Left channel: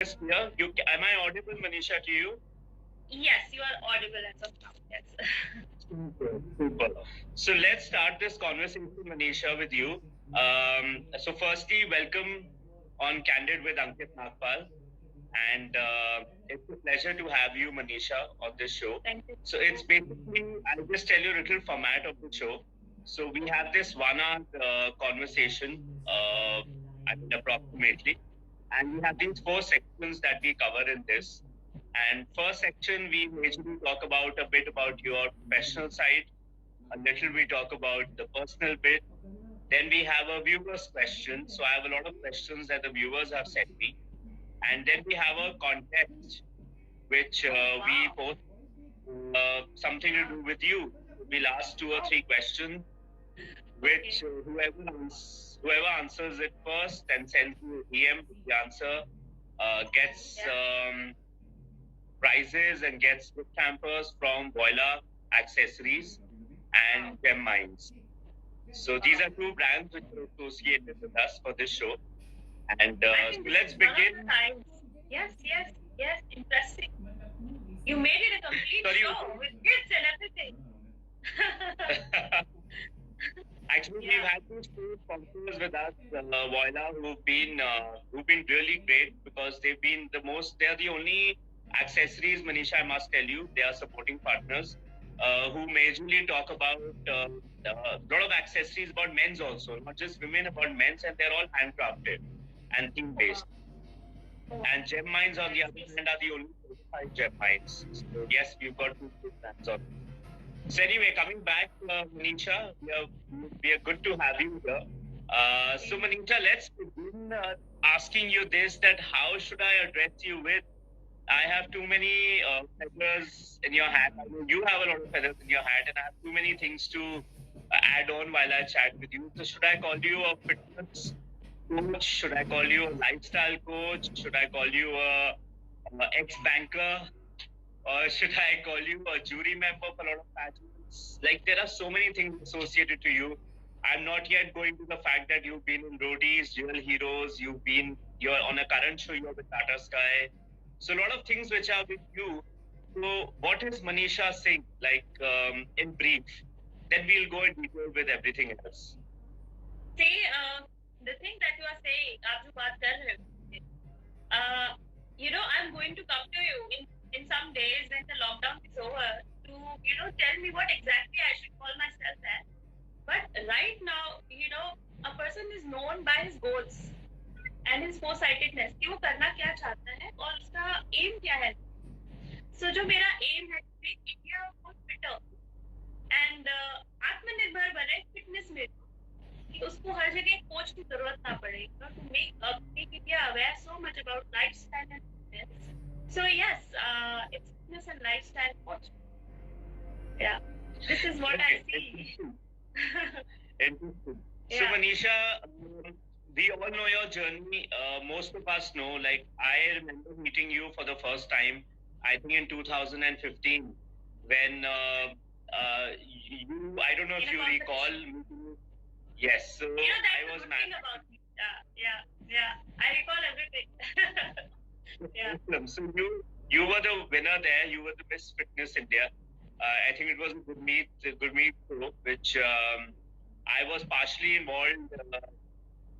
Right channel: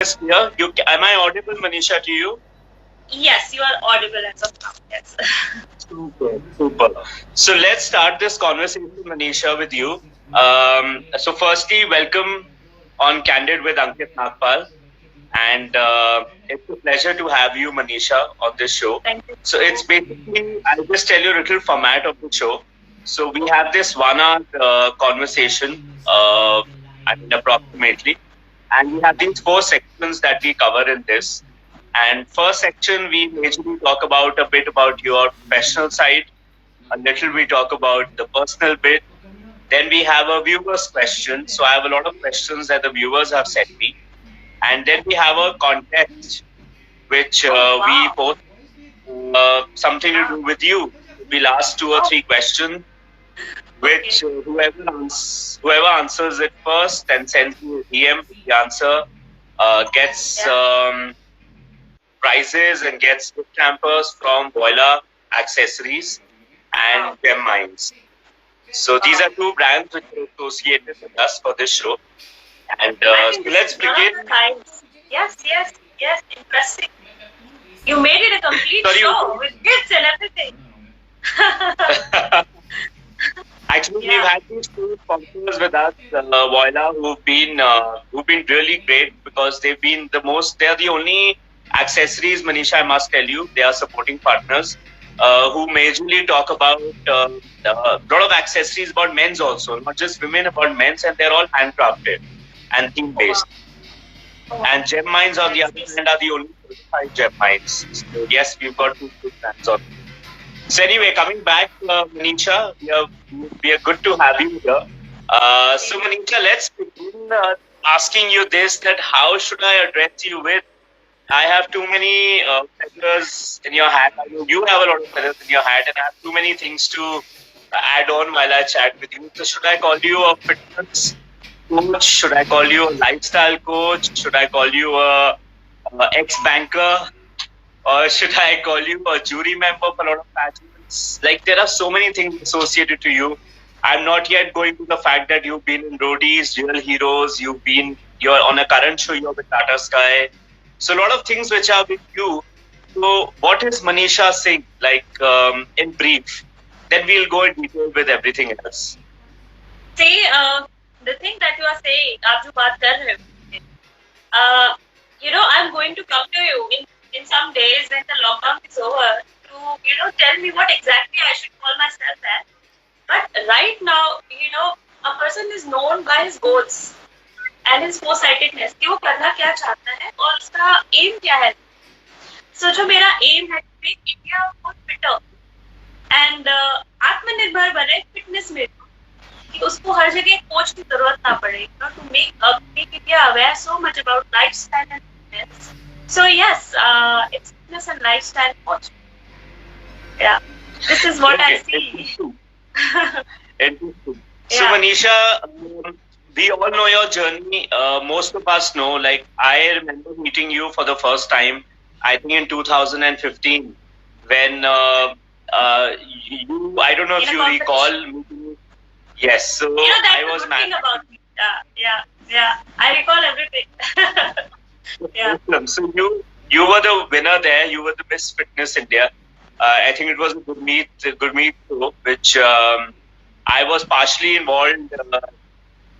is clear. Am I audible, Manisha, to you? Yes, you are audible as of now. Yes. Super, super. So let's start this conversation, Manisha, with you. So firstly, welcome on Candid with Ankit Nagpal, and it's a pleasure to have you, Manisha, on this show. Thank you. So it's basically, I'll just tell you a little format of the show. So we have this 1 hour conversation, approximately, and we have these four sections that we cover in this. And first section, we majorly talk about a bit about your professional side, a little we talk about the personal bit. Then we have a viewer's question. So I have a lot of questions that the viewers have sent me. And then we have a contest, which we post something to do with you. We'll ask 2 or 3 questions, which whoever answers it first and sends me a DM with the answer gets prizes and gets gift hampers from Voila Accessories and Gem Mines. So these are two brands which are associated with us for this show. And so let's begin. Yes, yes, yes. Interesting. You made it a complete show with gifts and everything. Actually, we've had these two sponsors with us, Voila, who've been really great because they've been they're the only accessories, Manisha, I must tell you, they are supporting partners who majorly talk about a lot of accessories about men's also, not just women, about men's, and they're all handcrafted and theme based. And Gem Mines on the other hand are the only certified Gem Mines. So yes, we've got two good brands on. So anyway, coming back, Manisha, we are good to have you here. So Manisha, let's begin asking you this: that how should I address you with? I have too many feathers in your hat. I know you have a lot of feathers in your hat, and I have too many things to add on while I chat with you. So should I call you a fitness coach? Should I call you a lifestyle coach? Should I call you a ex-banker? Or should I call you a jury member for a lot of pageants? Like, there are so many things associated to you. I'm not yet going to the fact that you've been in Roadies, Real Heroes, you're on a current show, you're with Tata Sky. So a lot of things which are with you. So what is Manisha Singh, like, in brief? Then we'll go in detail with everything else. See, the thing that you are saying, aap jo baat kar rahe ho, I'm going to come to you in some days when the lockdown is over to, tell me what exactly I should call myself as. But right now, a person is known by his goals and his foresightedness कि वो करना क्या चाहता है और उसका aim क्या है. So जो मेरा aim है to make India more fitter and आत्मनिर्भर बने fitness में, कि उसको हर जगह कोच की जरूरत ना पड़े, to make India aware so much about lifestyle and fitness. So yes, it's fitness and lifestyle coach. Yeah, this is what I see. Interesting. So Manisha, we all know your journey. Most of us know. Like, I remember meeting you for the first time, I think in 2015, when you, I don't know if you recall meeting. Yes. So I was mad. Yeah. I recall everything. Yeah. So you were the winner there. You were the Miss Fitness India. I think it was a good meet show, which I was partially involved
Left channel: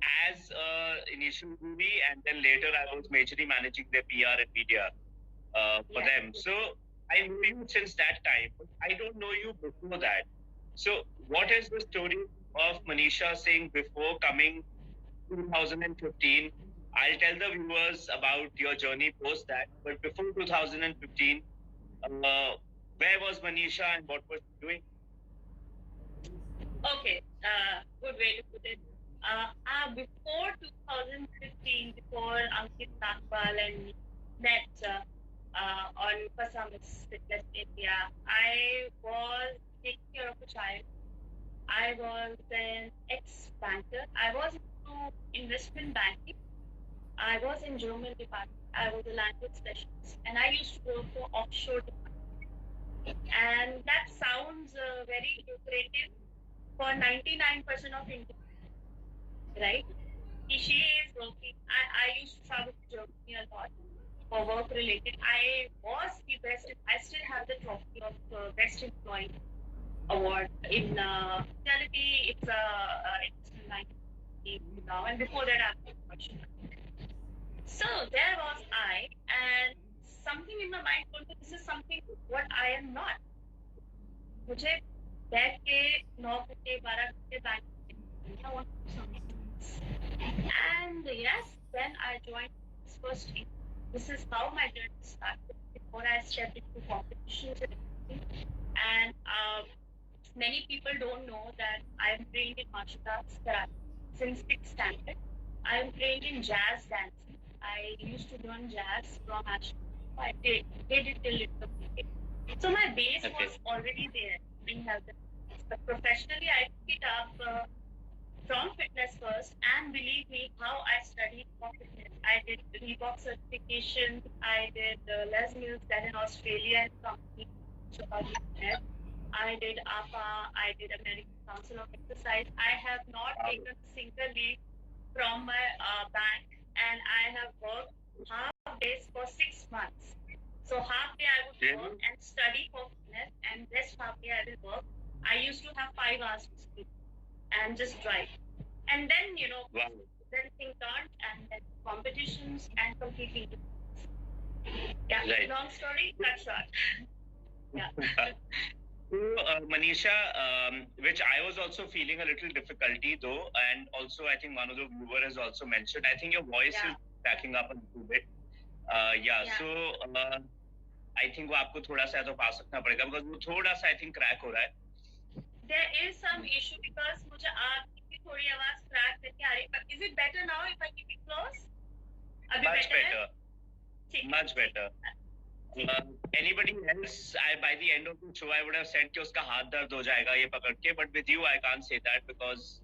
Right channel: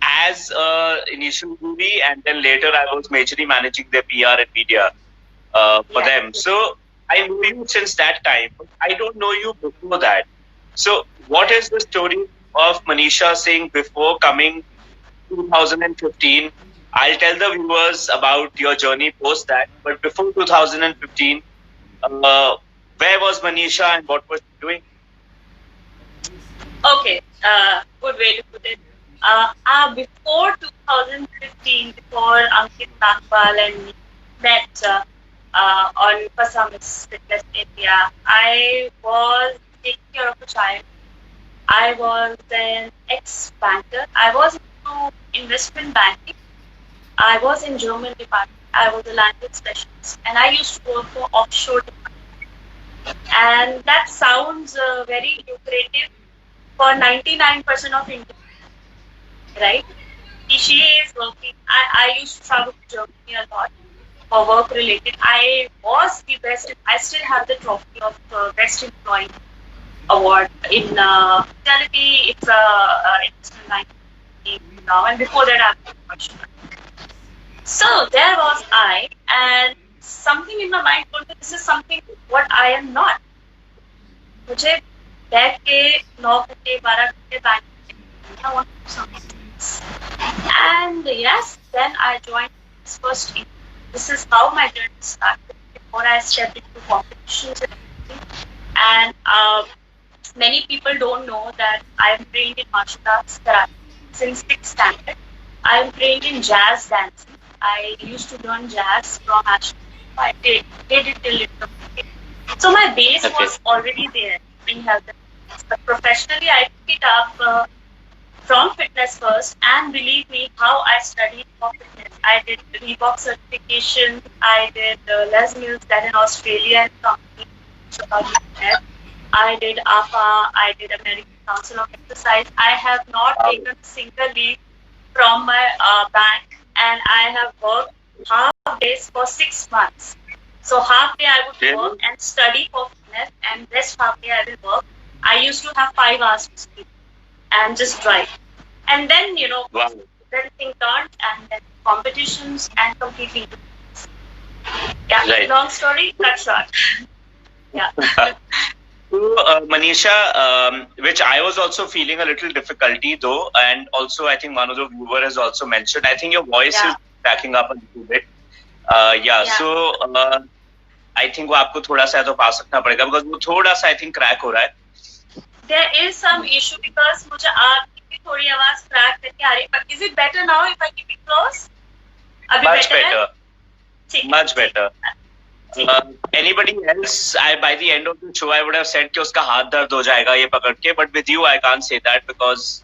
as initial movie, and then later I was majorly managing their PR and media for them. So I knew you since that time. I don't know you before that. So what is the story of Manisha Singh before coming 2015? I'll tell the viewers about your journey post that. But before 2015, where was Manisha and what was she doing? Okay, good way to put it. Before 2015, before Ankit Nagpal and me met on Pasamis Fitness India, I was taking care of a child. I was an ex-banker. I was into investment banking. I was in German department. I was a language specialist, and I used to work for offshore department. And that sounds very lucrative for 99% of India, right? She is working. I used to travel to Germany a lot. for work related. I was the best. I still have the trophy of best employee award in hospitality. It's a line now, and before that, I'm professional. So there was I, and something in my mind told me this is something what I am not. मुझे बैठ के 9 घंटे 12 घंटे bank I want to do something. And yes, then I joined this first team. This is how my journey started before I stepped into competitions and everything. And many people don't know that I am trained in martial arts karate since 6th standard. I am trained in jazz dancing. I used to learn jazz from Ashton. I did it till it completed. So my base was already there in health and fitness. But professionally, I took it up from fitness first, and believe me, how I studied for fitness. I did Reebok certification. I did Les Mills, that in Australia and company. I did APA. I did American Council of Exercise. I have not taken a single leave from my bank, and I have worked half days for 6 months. So half day I would work and study for fitness, and rest half day I will work. I used to have 5 hours to sleep and just drive. And then, then thing turned, and then competitions and completely. Yeah, right. Long story, cut short. Yeah. So, Manisha, which I was also feeling a little difficulty though, and also I think one of the viewers has also mentioned, I think your voice is cracking up a little bit. So I think वो आपको थोड़ा सा तो पास रखना पड़ेगा because वो थोड़ा सा I think crack हो रहा है. There is some issue because मुझे आपकी भी थोड़ी आवाज crack करके आ रही है. Is it better now if I keep it close? अभी Much better. ठीक है. Much better. Anybody else, by the end of the show, I would have said कि उसका हाथ दर्द हो जाएगा ये पकड़ के, but with you I can't say that because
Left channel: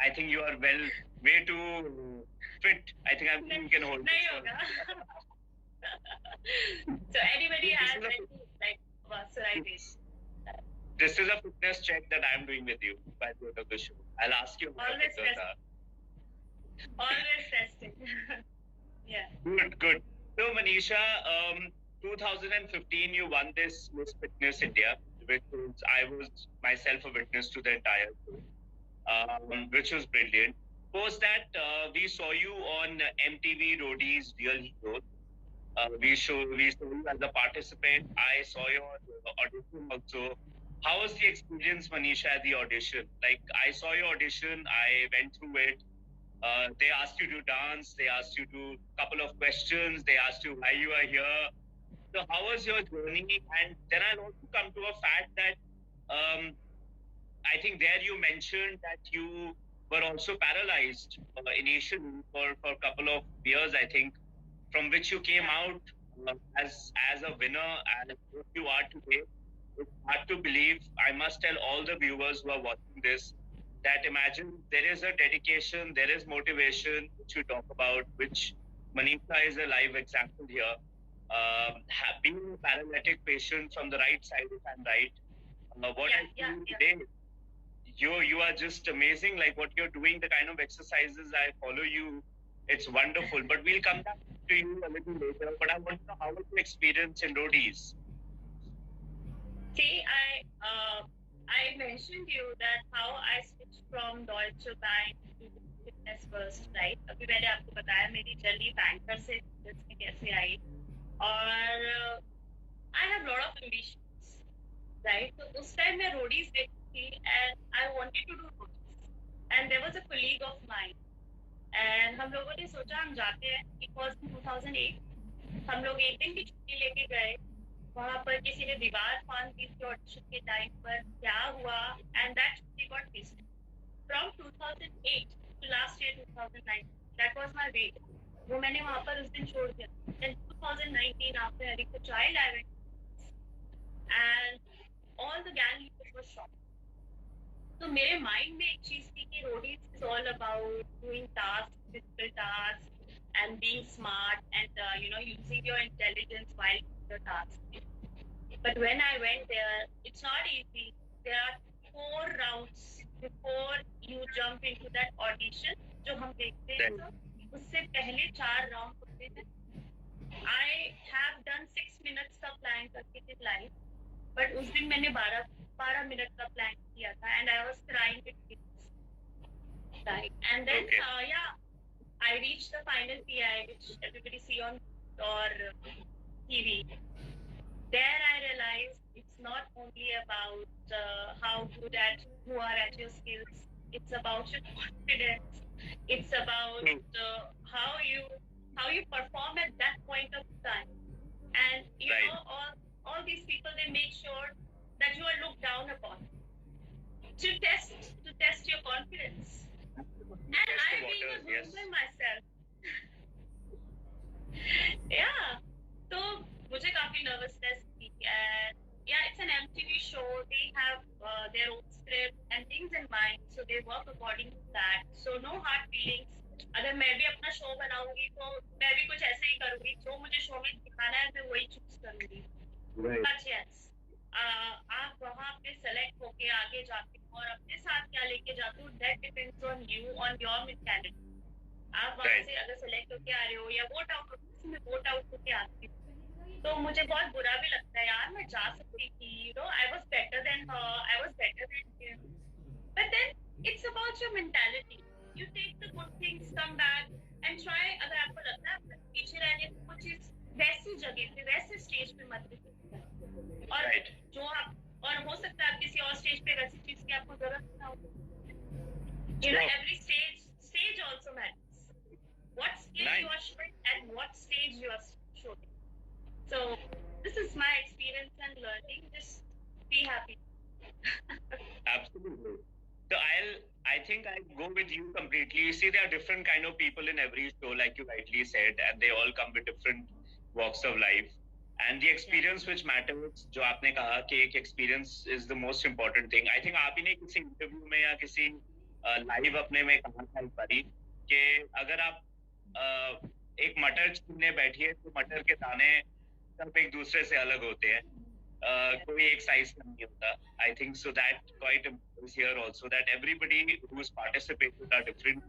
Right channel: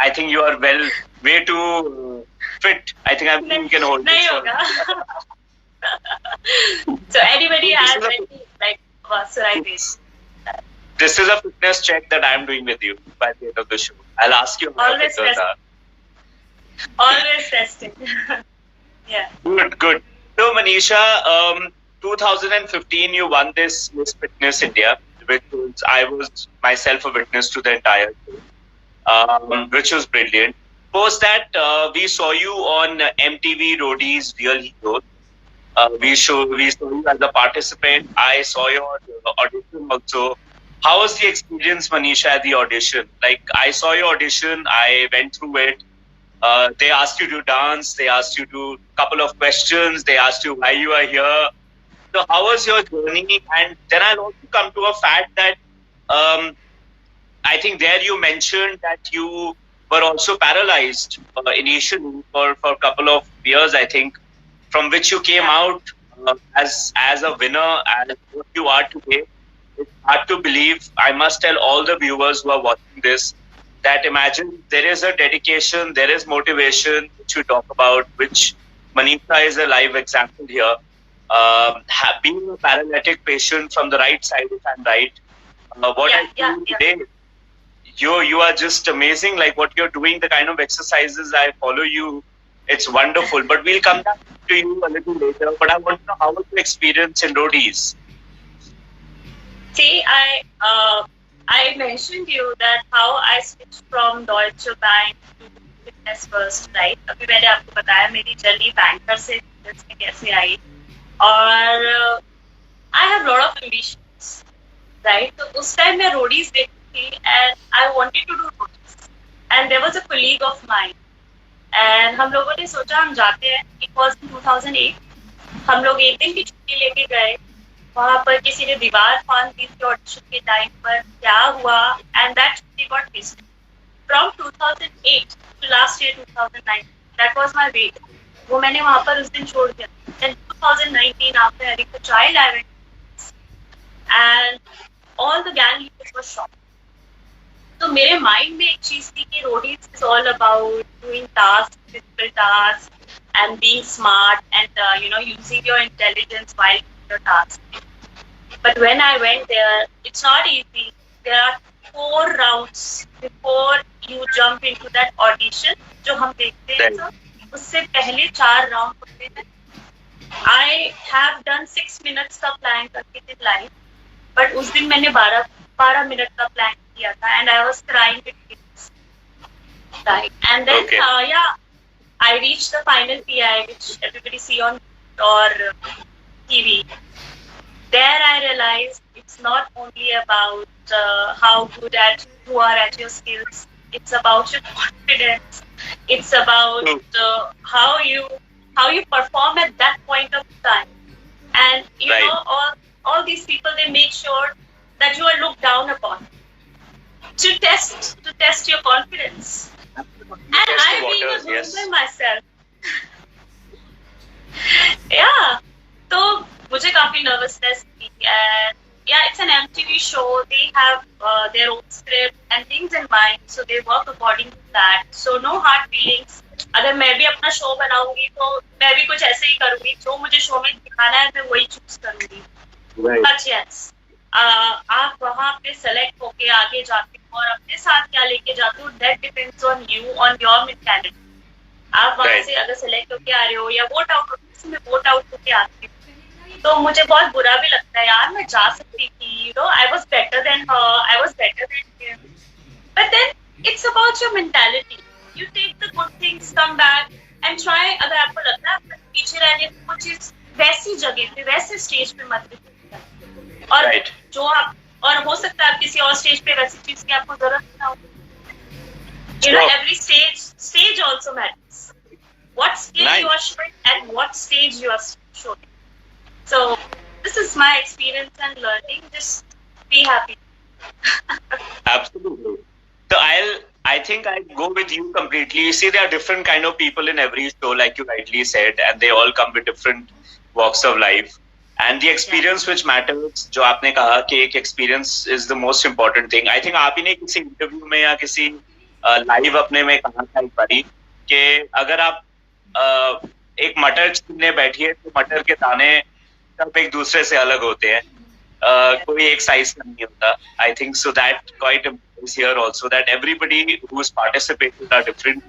I think you are way too fit. I think you can hold नहीं this. होगा. So anybody has any psoriasis? This is a fitness check that I am doing with you by the end of the show. I'll ask you how Always fit are. Always testing. Yeah. Good. So Manisha, 2015 you won this Miss Fitness India, I was myself a witness to the entire show, which was brilliant. Post that, we saw you on MTV Roadies Real Heroes. We saw you as a participant. I saw your audition also. How was the experience, Manisha, at the audition? Like, I saw your audition, I went through it. They asked you to dance, they asked you to couple of questions, they asked you why you are here. So how was your journey? And then I'll also come to a fact that I think there you mentioned that you were also paralyzed initially for a couple of years, I think, from which you came out as a winner and what you are today. It's hard to believe. I must tell all the viewers who are watching this that imagine there is a dedication, there is motivation which you talk about, which Manisha is a live example here. Being a paralytic patient from the right side, if I'm right, today, you are just amazing. Like what you're doing, the kind of exercises I follow you, it's wonderful. But we'll come back to you a little later. But I want to know how was your experience in Roadies? See, I mentioned you that how I switched from Deutsche Bank to Fitness First, right? अभी मैंने आपको बताया मेरी journey banker से fitness में कैसे आई और I have lot of ambitions, right? तो उस टाइम मैं रोडीज देखती थी and I wanted to do roadies. And there was a colleague of mine and हम लोगों ने सोचा हम जाते हैं. It was in 2008. हम लोग एक दिन की छुट्टी लेके गए. वहाँ पर किसी ने दीवार फाड़ दी थी ऑडिशन के टाइम पर. क्या हुआ? And that छुट्टी got missed. From 2008 to last year 2009. That was my wait. वो मैंने वहाँ पर उस दिन छोड़ दिया. Then 2019 after having a child, I went and all the gang leaders were shocked. तो मेरे माइंड में एक चीज थी कि Roadies is all about doing task, physical task and being smart and using your intelligence while doing your task. But when I went there, it's not easy. There are 4 rounds before you jump into that audition. जो हम देखते हैं उससे पहले 4 round होते हैं. I have done 6 minutes का plan करके थी live, but उस दिन मैंने 12 मिनट का plan किया था, and I was crying with tears. Right, and then Okay. I reached the final PI, which everybody see on or TV. There I realized it's not only about how good at you are at your skills. It's about your confidence. It's about how you perform at that point of time. And you Right. know, all these people, they make sure that you are looked down upon to test your confidence. And Test the I being a waters, groom yes. by myself. Yeah. So मुझे काफी nervousness थी, and yeah, it's an MTV show. They have their own script and things in mind, so they work according to that. So no hard feelings. अगर मैं भी अपना show बनाऊंगी तो मैं भी कुछ ऐसे ही करूंगी, जो मुझे शो में दिखाना है मैं वही चूज करूंगी. Right. But yes, आप वहाँ पे सेलेक्ट होके आगे जाते हो और अपने साथ क्या लेके जाते हो, that depends on you, on your mentality. आप वहाँ Right. से अगर सेलेक्ट होके आ रहे हो या वोट आउट होके आते हो, तो मुझे बहुत बुरा भी लगता है यार, मैं जा सकती थी, you know, I was better than her, I was better than him. But then it's about your mentality. You take the good things, come back and try. अगर आपको लगता है आपको पीछे रहने को, कुछ चीज वैसी जगह पे, वैसे स्टेज पे मत देखिए. और Right. जो आप, और हो सकता है आप किसी और स्टेज पे वैसी चीज की आपको जरूरत ना हो. You know, Sure. every stage also matters. What skill Nice. you are showing and what stage you are showing. So this is my experience and learning. Just be happy. Absolutely. So I think I go with you completely. See, there are different kind of people in every show, like you rightly said, and they all come with different walks of life. And the experience which matters, जो आपने कहा कि एक experience is the most important thing. I think आप ही ने किसी interview में या किसी live अपने में कहा था एक बारी कि अगर आप एक मटर छीलने बैठिए तो मटर के दाने सब एक दूसरे से अलग होते हैं. कोई एक साइज का नहीं होता. I think so that quite is here also, that everybody who's participated are different.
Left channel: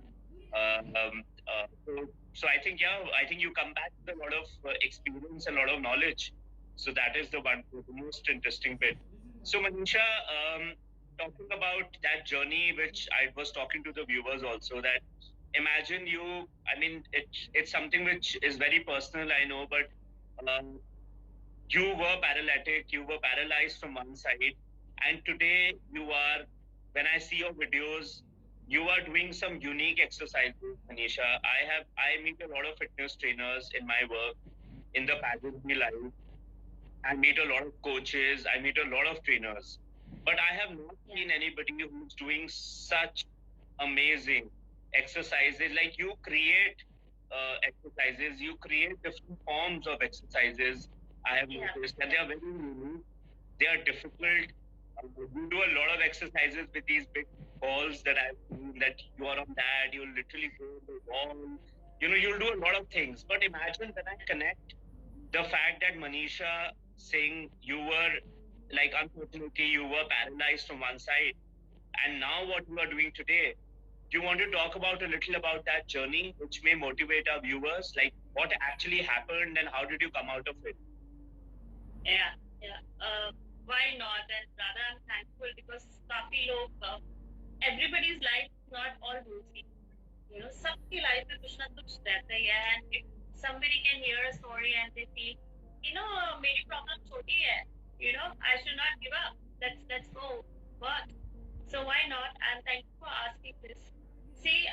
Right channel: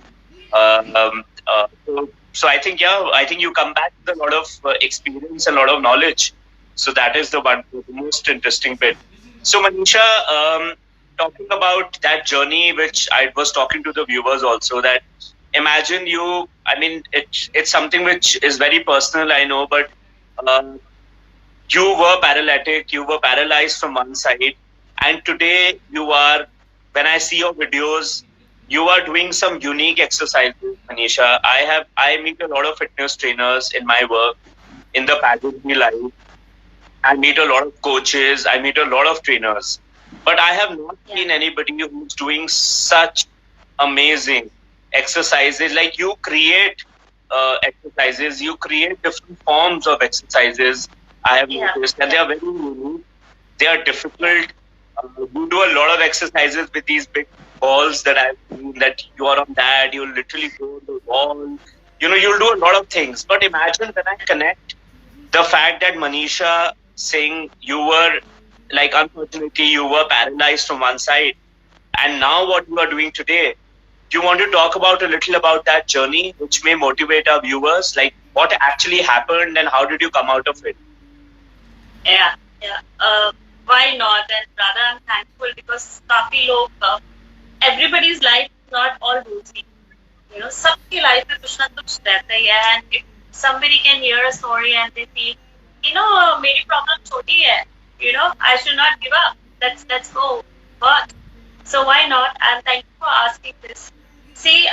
So I think you come back with a lot of experience and a lot of knowledge. So that is the most interesting bit. So Manisha, talking about that journey, which I was talking to the viewers also, that imagine you, I mean, it's something which is very personal, I know, but you were paralytic, you were paralyzed from one side, and today you are, when I see your videos, you are doing some unique exercises, Manisha. I meet a lot of fitness trainers in my work, in the pageantry life. I meet a lot of coaches, I meet a lot of trainers, but I have not seen anybody who's doing such amazing exercises. Like you create exercises, you create different forms of exercises. I have noticed, and they are very unique. They are difficult. You do a lot of exercises with these big balls that I've seen, that you are on that, you literally go on the wall. You know, you'll do a lot of things. But imagine when I connect the fact that Manisha Singh, you were, like, unfortunately, you were paralyzed from one side. And now what you are doing today, do you want to talk about a little about that journey, which may motivate our viewers? Like, what actually happened and how did you come out of it? Yeah. Why not? And rather, I'm thankful because काफी लोग, everybody's life is not all rosy. You know, सबकी life में कुछ ना कुछ रहता ही है, and if somebody can hear a story and they feel, you know, मेरी problem छोटी है, you know, I should not give up. Let's go. But so why not? And thank you for asking this. See,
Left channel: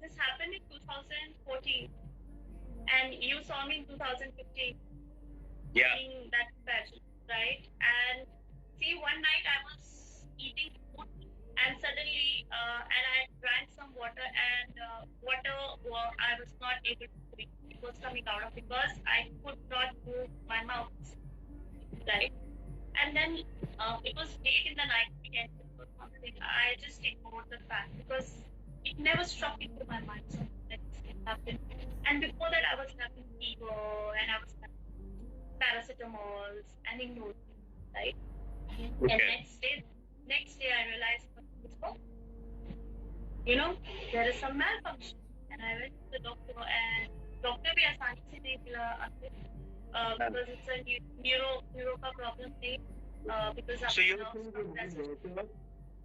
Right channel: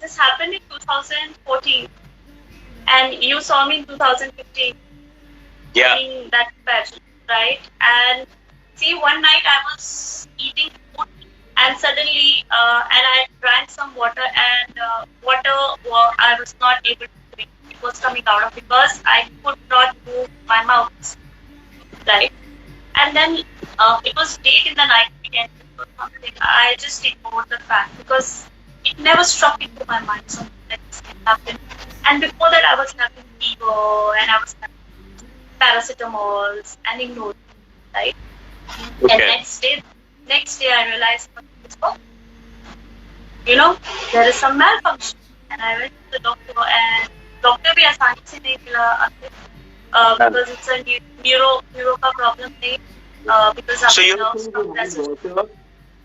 this happened in 2014, and you saw me in 2015. Yeah. In that pageant, right? And see, one night I was eating food, and suddenly, and I drank some water, and I was not able to drink. It was coming out of, because I could not move my mouth, right? And then it was late in the night again or something. I just ignored the fact because it never struck into my mind something like this can happen. And before that, I was having fever and I was having paracetamols and ignored it, right? Okay. And next day I realized, oh, you know, there is some malfunction. And I went to the doctor, and doctor भी आसानी से नहीं मिला. because it's a neuro का problem नहीं, because So आपके you nerves compress.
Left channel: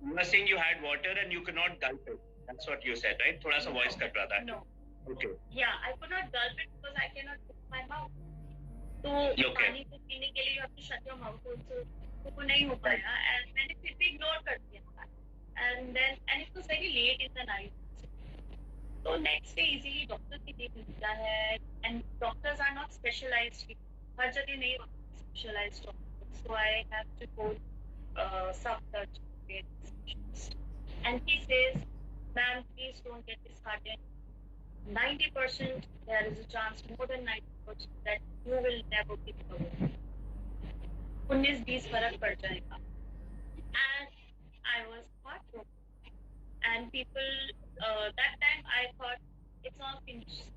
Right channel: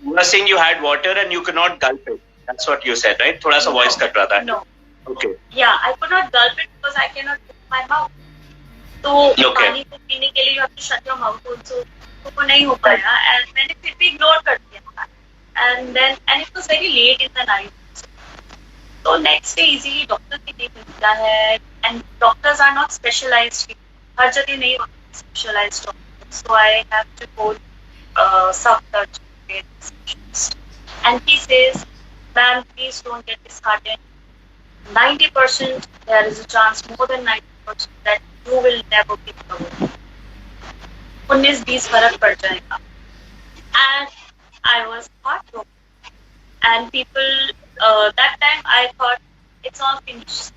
were saying you had water and you could not gulp it. That's what you said, right? थोड़ा सा voice कट रहा था. No. Okay. Yeah, I could not gulp it because I cannot open my mouth. तो पानी को पीने के लिए you have to shut your mouth also. तो वो नहीं हो पाया and मैंने फिर भी ignore कर दिया. And it was very late in the night. So next day easily doctor भी नहीं मिलता है and doctors are not specialized. हर जगह नहीं होते specialized doctors. So I have to go sub-surgery specialist. And he says, ma'am, please don't get disheartened. 90% there is a chance, more than 90%, that you will never be recovered. 19-20 फर्क पड़ जाएगा. And I was heartbroken. And people, that time I thought it's all finished,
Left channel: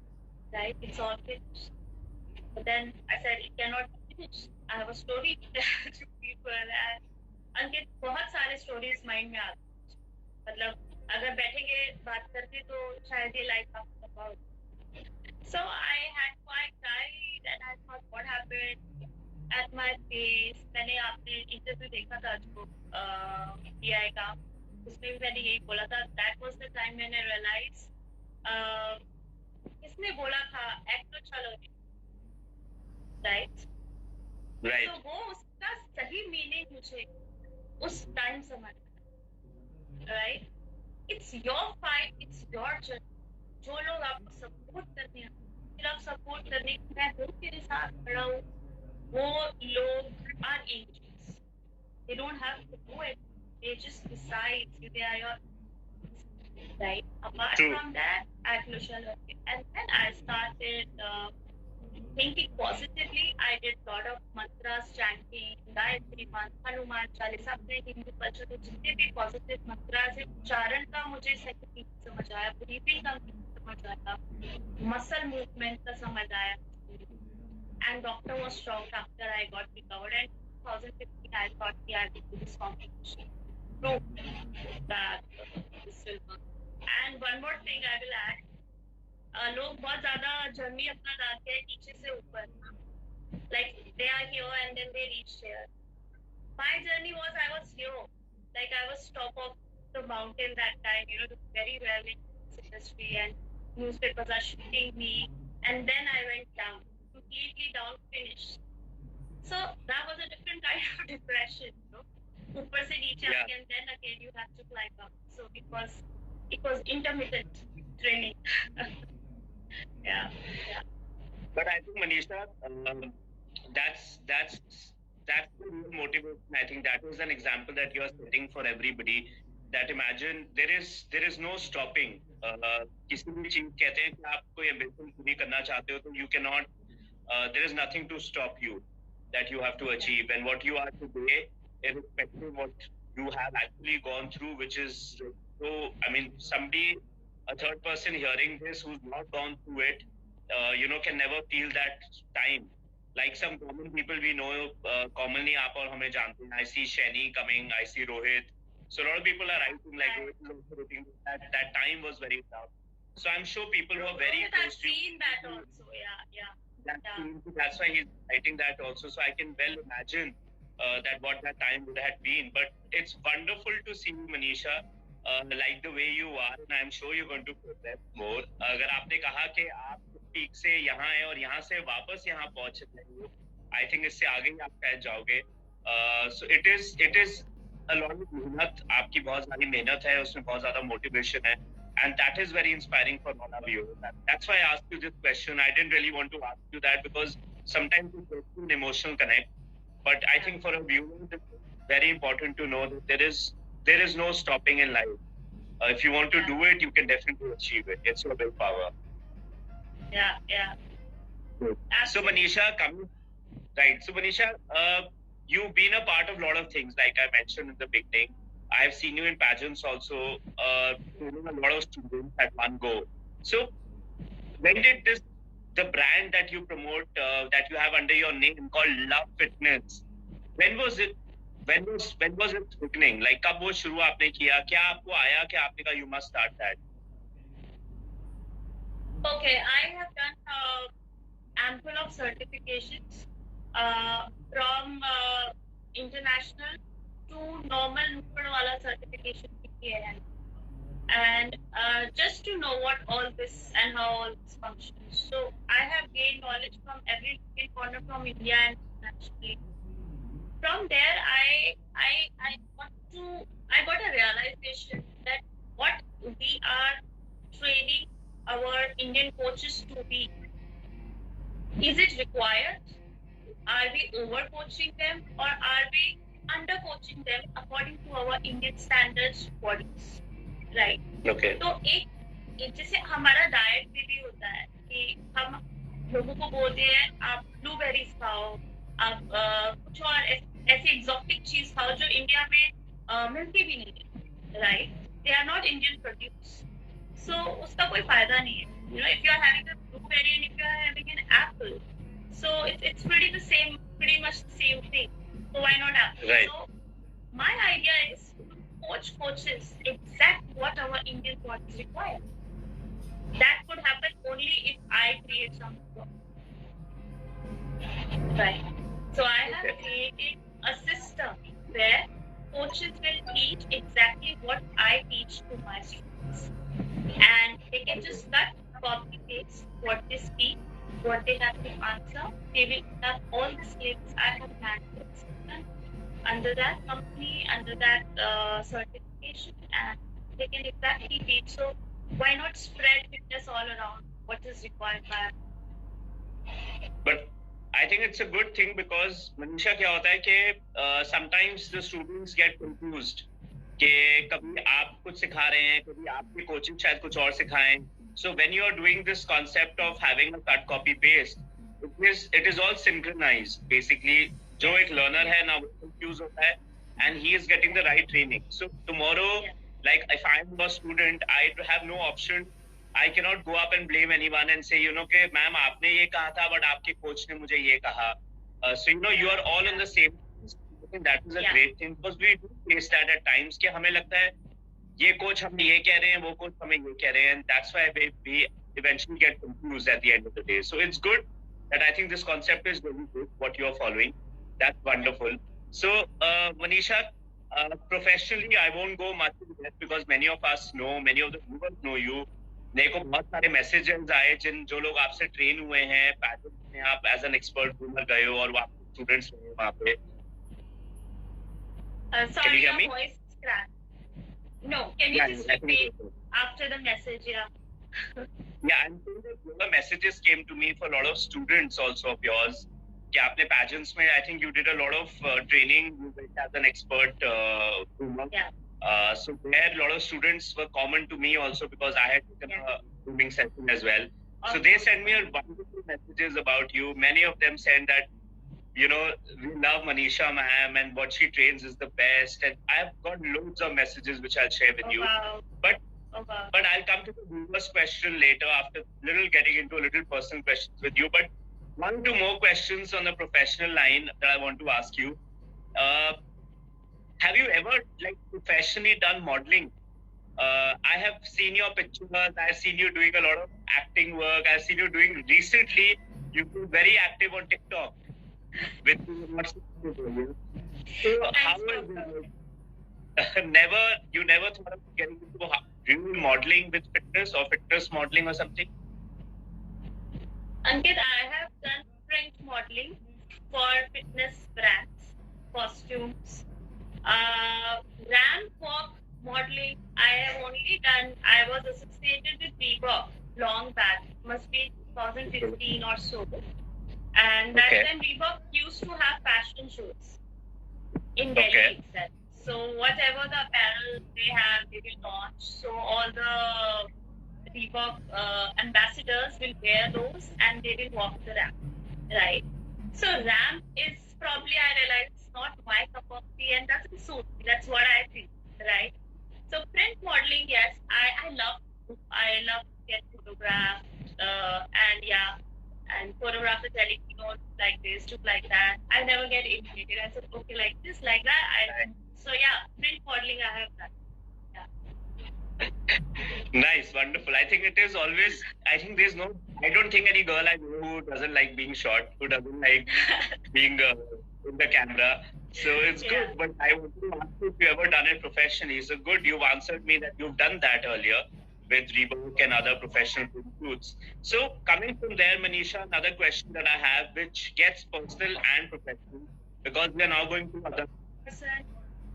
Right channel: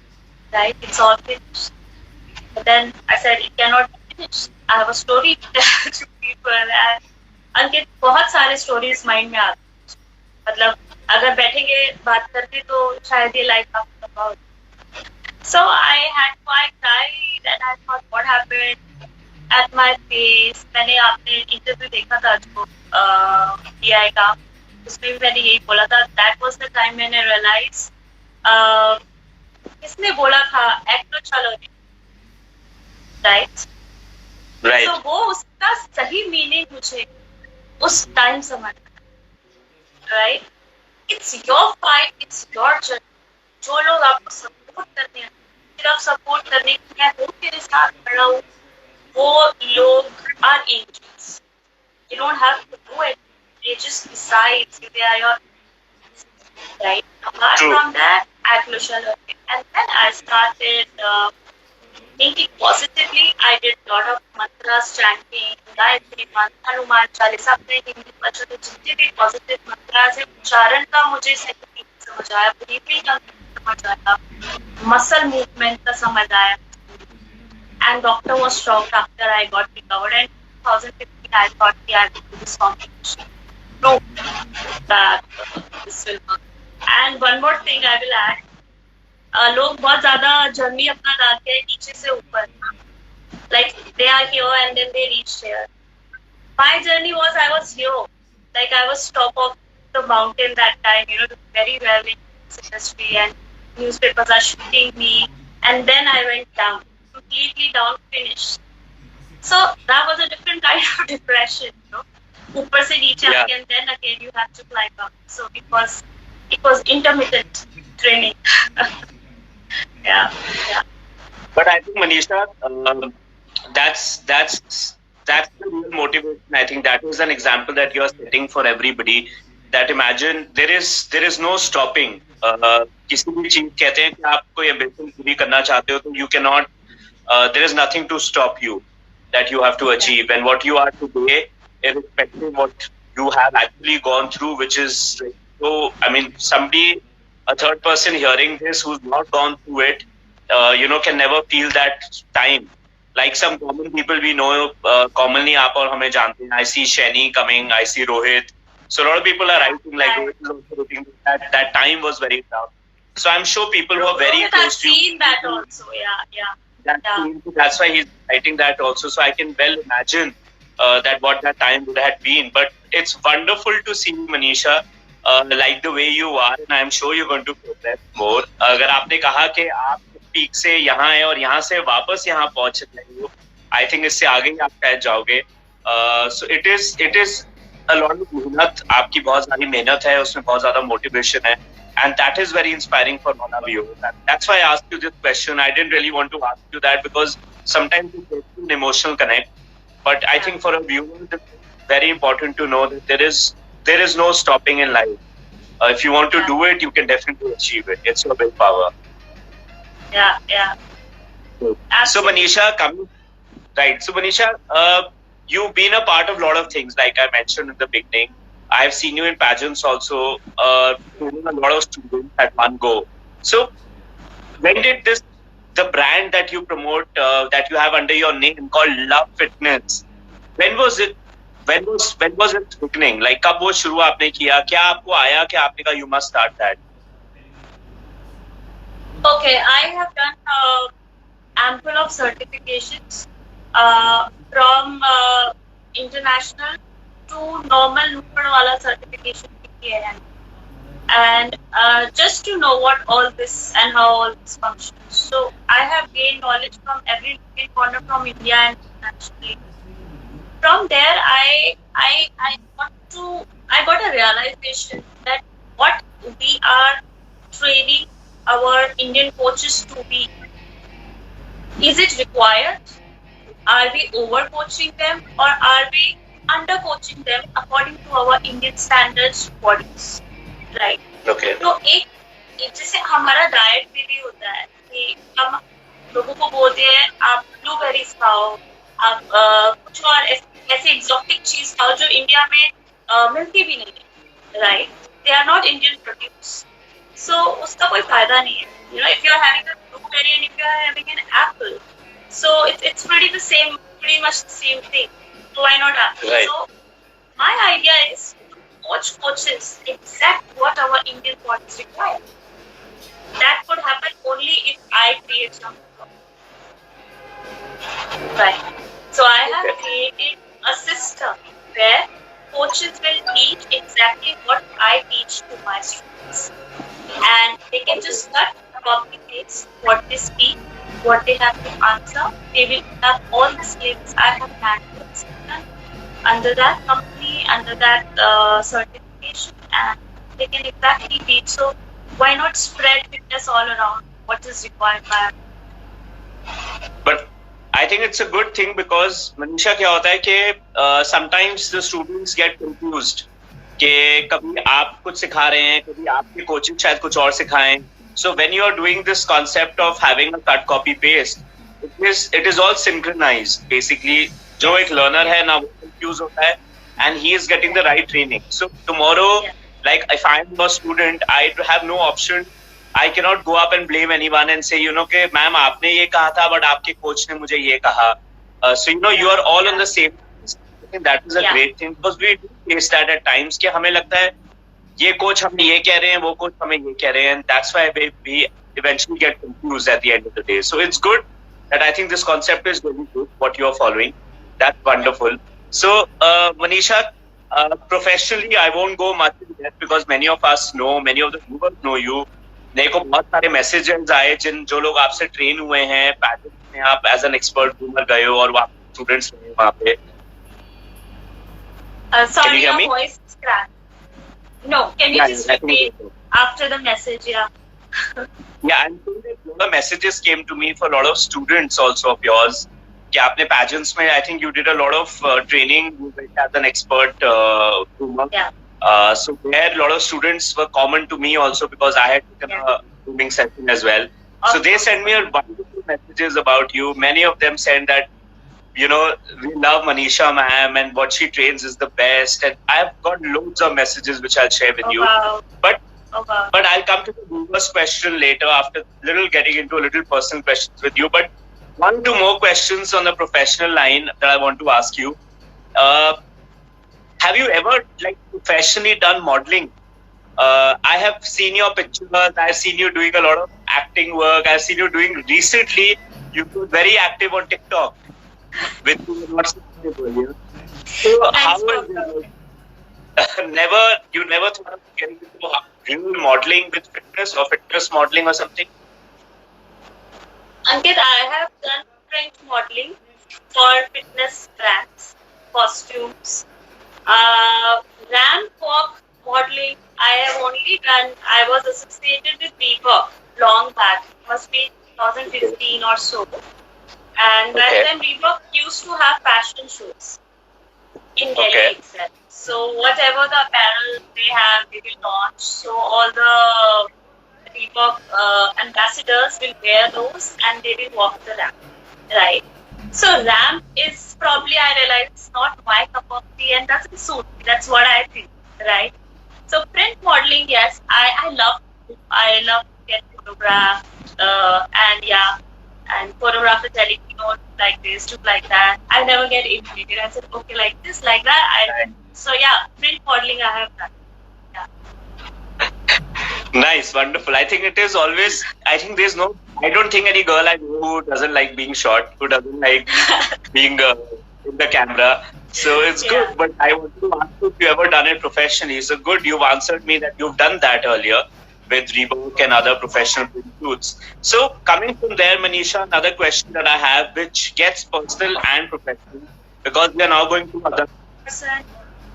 right? It's all finished. But then I said it cannot be finished. I have a story to tell to people. And अंकित बहुत सारे stories mind में आते हैं. मतलब अगर बैठेंगे बात करके तो शायद ये life आपको खत्म हो. So I cried and I thought what happened at my face. मैंने आपने interview देखा था जो DI का, उसमें भी मैंने यही बोला था. That was the time मैंने realize किसने बोला था act तो चलो नहीं, right? Right. So वो उसका सही meaning मुझे उस time समझ, right? It's your fight, it's your journey. जो लोग आपको support करते हैं, सिर्फ support करने के लिए मैं तेरे साथ खड़ा हूँ, वो लोग are angels. You don't have to do it. They just decide they are your, right? Apart True. from that, I closure learning, and then I started thinking positively. I did lot of mantras, chanting, Gayatri मंत्र, हनुमान चालीसा, अपने हिंदी बच्चों के जितने भी positive mantras है, उच्चारण का मुझे सही समझ आया, ब्रीथिंग का समझ आया, मसल मूवमेंट का समझ आया. And doctor was shocked after I got recovered. And 2015 I thought I will do this competition. No, that this will work. And one more thing I will add. लोग बहुत ज़्यादा journey अपना डालते हैं नीचे से ऊपर. Like they are here and then they reach here. My journey was I was here. Like I was top of the mountain that time, doing very well in this industry and newspapers are shooting me. And then I went down, completely down, finished. So that was a different kind of depression, ऊपर से नीचे Yeah. and then again you have to climb up. So it was intermittent training. Yeah. But I think Manisha, that's the real motivation. I think that is an example that you are setting for everybody. That imagine there is no stopping. किसी भी चीज कहते हैं कि आप कोई ambition पूरी करना चाहते हो तो you cannot. There is nothing to stop you that you have to achieve, and what you are today, irrespective of what you have actually gone through, which is so. I mean, somebody, a third person hearing this who's not gone through it, can never feel that time. Like some common people we know, commonly आप और हमें जानते हैं. I see Shani coming, I see Rohit. So a lot of people are writing like Rohit is also writing that time was very tough. So I'm sure people who are very I've close to you. seen that also. Yeah. That's why he's writing that also. So I can well imagine that what that time would have been. But it's wonderful to see Manisha like the way you are, and I'm sure you're going to progress more. अगर आपने कहा कि आप peak से यहाँ है और यहाँ से वापस यहाँ पहुँच रहे हो, I think इससे आगे ही आप शायद जाओगे. So it is a lot of मेहनत, आपकी बहुत सारी मेहनत है, उसमें बहुत ज़्यादा motivation है. And that is very inspiring for all of you. That's why I asked you this question. I didn't really want to ask you that because sometimes it's an emotional connect. But I think for a viewer, it's very important to know that there is no stopping in life. If you want to do it, you can definitely achieve it. It's your willpower. Yeah. So Manisha, you've been a part of a lot of things, like I mentioned in the beginning. I've seen you in pageants also, doing a lot of students at one go. So when did the brand that you promote, that you have under your name called Love Fitness, when was it beginning? Like कब वो शुरू आपने किया? क्या आपको आया कि आपने कहा you must start that? Okay, I have done ample of certifications from international to normal Nupad wala certification bhi kiye hain. And just to know what all this and how all this functions. So I have gained knowledge from every corner from India and internationally. From there, I got a realization that what we are training our Indian coaches to be, is it required? Are we over coaching them or are we under coaching them according to our Indian standards bodies? Right. Okay. तो एक जैसे हमारा diet में भी होता है कि हम लोगों को बोलते हैं आप ब्लूबेरीज खाओ, आप कुछ और ऐसे एक्सोटिक चीज खाओ जो इंडिया में मिलती भी नहीं है, right? They are not Indian produce, so उसका कोई फायदा नहीं है. You know, if you are having a blueberry and if you are having an apple, so it's pretty much the same thing. So why not apple? Right. So my idea is coaches exact what our Indian bodies require. That could happen only if I create something. Right. So I have created a system where coaches will teach exactly what I teach to my students. And they can just cut, copy, paste what they speak, what they have to answer. They will have all the skills I have planned for the system under that company, under that certification, and they can exactly teach. So why not spread fitness all around? What is required by? But I think it's a good thing because Manisha क्या होता है कि sometimes the students get confused कि कभी आप कुछ सिखा रहे हैं, कभी आपके कोचिंग शायद कुछ और सिखाएं. So when you are doing this concept of having a cut, copy, paste, it is all synchronized. Basically, जो एक learner है ना वो confused होता है and he is getting the right training. So tomorrow, like if I am a student, I have no option. I cannot go up and blame anyone and say, you know, कि ma'am आपने ये कहा था, but आपके coach ने मुझे ये कहा. So you know, you are all on the same. I think that is a great thing because we face that at times कि हमें लगता है ये कोच हमें ये कह रहे हैं, वो कोच हमें ये कह रहे हैं, and that's why we eventually get confused at the end of the day. So it's good that I think this concept is really good what you are following. That's wonderful. So Manisha, professionally, I won't go much into that because many of us know, many of the viewers know you. मेरे को बहुत सारे messages आए जो लोग आपसे train हुए हैं, पैटर्न में आप एज एन एक्सपर्ट घूमर गए हो और वहाँ स्टूडेंट्स रहे वहाँ पे. Sorry, your voice is cracked. No, can you just repeat after the message? Yeah. Yeah, and a lot of messages came to me for a lot of students also of yours. कि आपने pageants में, I think you did a lot of training as an expert groomer. Yeah. So there a lot of students were common to me also because I had taken a grooming session as well. So they sent me a wonderful messages about you. Many of them said that, you know, we love Manisha ma'am and what she trains is the best. And I've got loads of messages which I'll share with you. Wow. But I'll come to the first question later after getting into a little personal questions with you. But 1-2 more questions on the professional line that I want to ask you. Have you ever like professionally done modeling? I have seen your pictures. I've seen you doing a lot of acting work. I've seen you doing recently. You've been very active on TikTok with lots of people. So how was you never thought of getting into real modeling with fitness or fitness modeling or something? Ankit, I have done print modeling for fitness brands, costumes. Ramp walk modeling, I have only done, I was associated with Reebok long back, must be 2015 or so. And that time Reebok used to have fashion shows in Delhi itself. So whatever the apparel they have, they will launch. So all the Reebok ambassadors will wear those and they will walk the ramp, right? So ramp is probably, I realize, it's not my cup of tea and doesn't suit me. That's what I think, right? So print modeling, yes, I love to get photographed and photograph the telling, you know, like this, look like that. I never get irritated. I said, okay, like this, like that. So yeah, print modeling I have done. Yeah. Nice, wonderful. I think it is always, I think there's no I don't think any girl I know who doesn't like being shot, who doesn't like being in the camera. So it's Yeah. good. But I want to ask if you ever done it professionally. So good, you've answered me that you've done that earlier with Reebok and other professional shoots. So coming from there, Manisha, another question that I have, which gets personal and professional, because we are now going to other.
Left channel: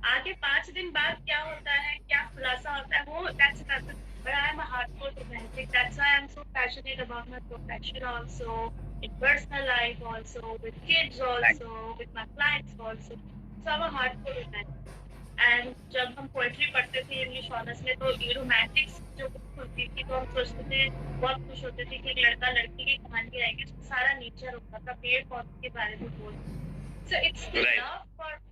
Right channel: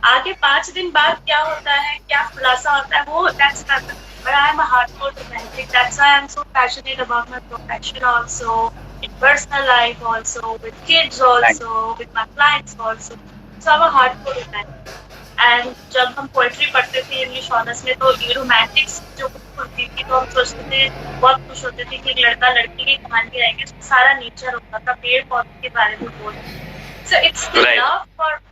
आगे 5 दिन बाद क्या होता है, क्या खुलासा होता है, वो that's nothing. But I am a hardcore romantic. That's why I'm so passionate about my profession also, in personal life also, with kids also, with my clients also. So I'm a hardcore romantic. And जब हम poetry पढ़ते थे English honours में, तो ये Romantics जो book होती थी, तो हम सोचते थे, बहुत खुश होते थे कि एक लड़का लड़की की कहानी आएगी, उसमें सारा नेचर होता था, पेड़ पौधे के बारे में बोलते. So it's the Right. love for